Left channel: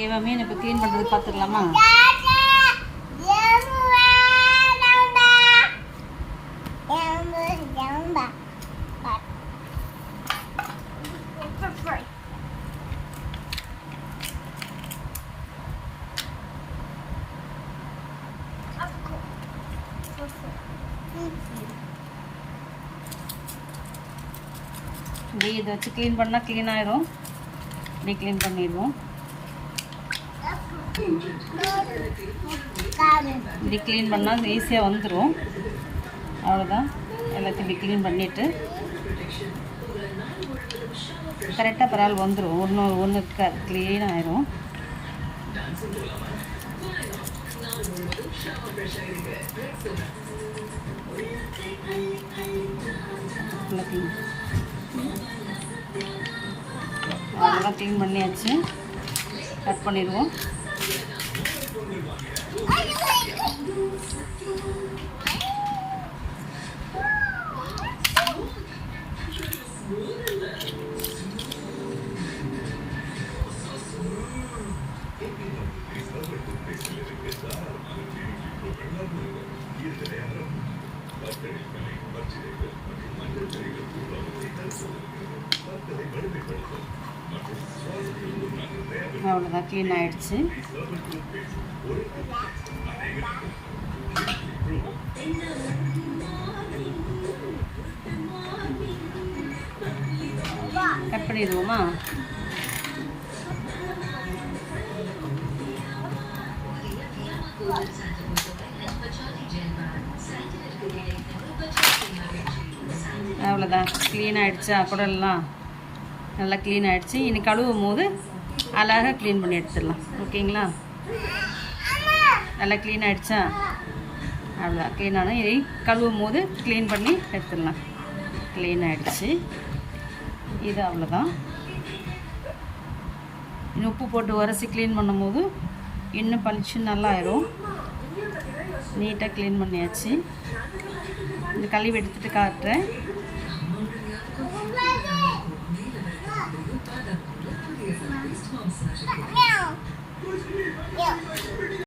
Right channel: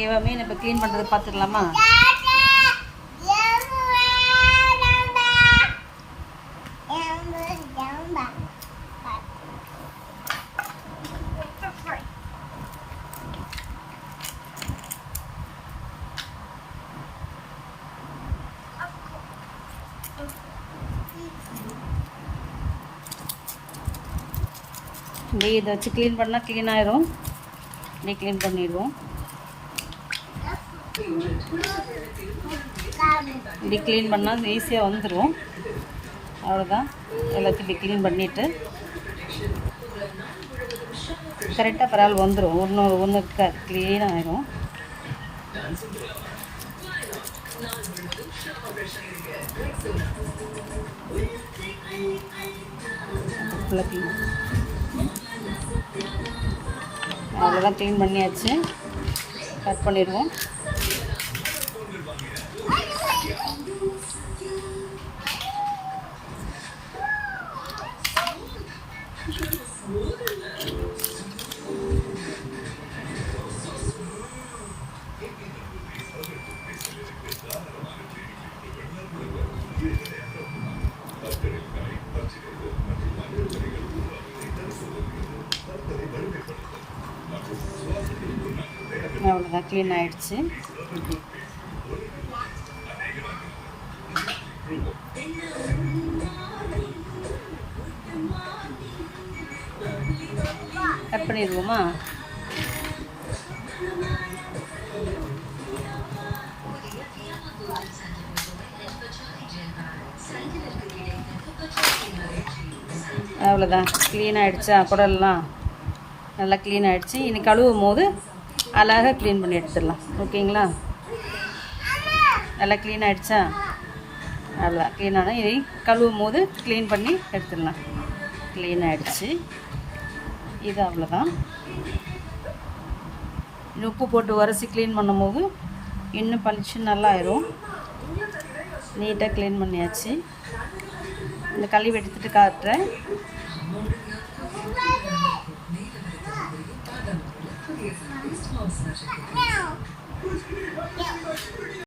ஓகேவா? மீன் இப்போ க்ளீன் பண்ணுறது பார்த்துக்கலாமா? இப்படி இதை வச்சு க்ளீன் பண்ணால் க்ளீன் ஆயிரும். இப்படி க்ளீன் பண்ணிடுவோம். இப்படி க்ளீன் பண்ணால் அது ஈஸியாக வந்துடும். அவ்வளோதான். எல்லாத்தையும் இப்படி க்ளீன் பண்ணிவிட்டு கரெக்டாக பரவாயில்ல வந்துடும். ஒன்று க்ளீன் ஆயிரும். அவ்வளோதான், க்ளீன் பண்ணியாச்சு. கட் பண்ணிடுவோம். அவ்வளோதான், க்ளீன் ஆகிடுச்சு. கட் பண்ணிடுவோமா? அவ்வளோதான், க்ளீன் ஆகிடுச்சா? குடல்லாம் நல்லா க்ளீன் ஆகிடுச்சு. இனி கழுவும் போது அழகாக க்ளீன் பண்ணி எடுத்துடலாம். ஓகேங்களா? நல்லா க்ளீன் ஆகிடுச்சா? அவ்வளோதான், க்ளீன் ஆனால் இனி கழுவும் போது க்ளீன் பண்ணி எடுத்துடலாம். க்ளீன் ஆகிடுச்சு. இது அவ்வளோதான். உப்பு போட்டு உரசி க்ளீன் பண்ணும்போது இன்னும் பளிச்சு நல்லா ஆயிரும். நீட்டாக க்ளீன் பண்ணியாச்சு. இந்த கழுவி எடுத்துகிட்டு காட்டுறேன்.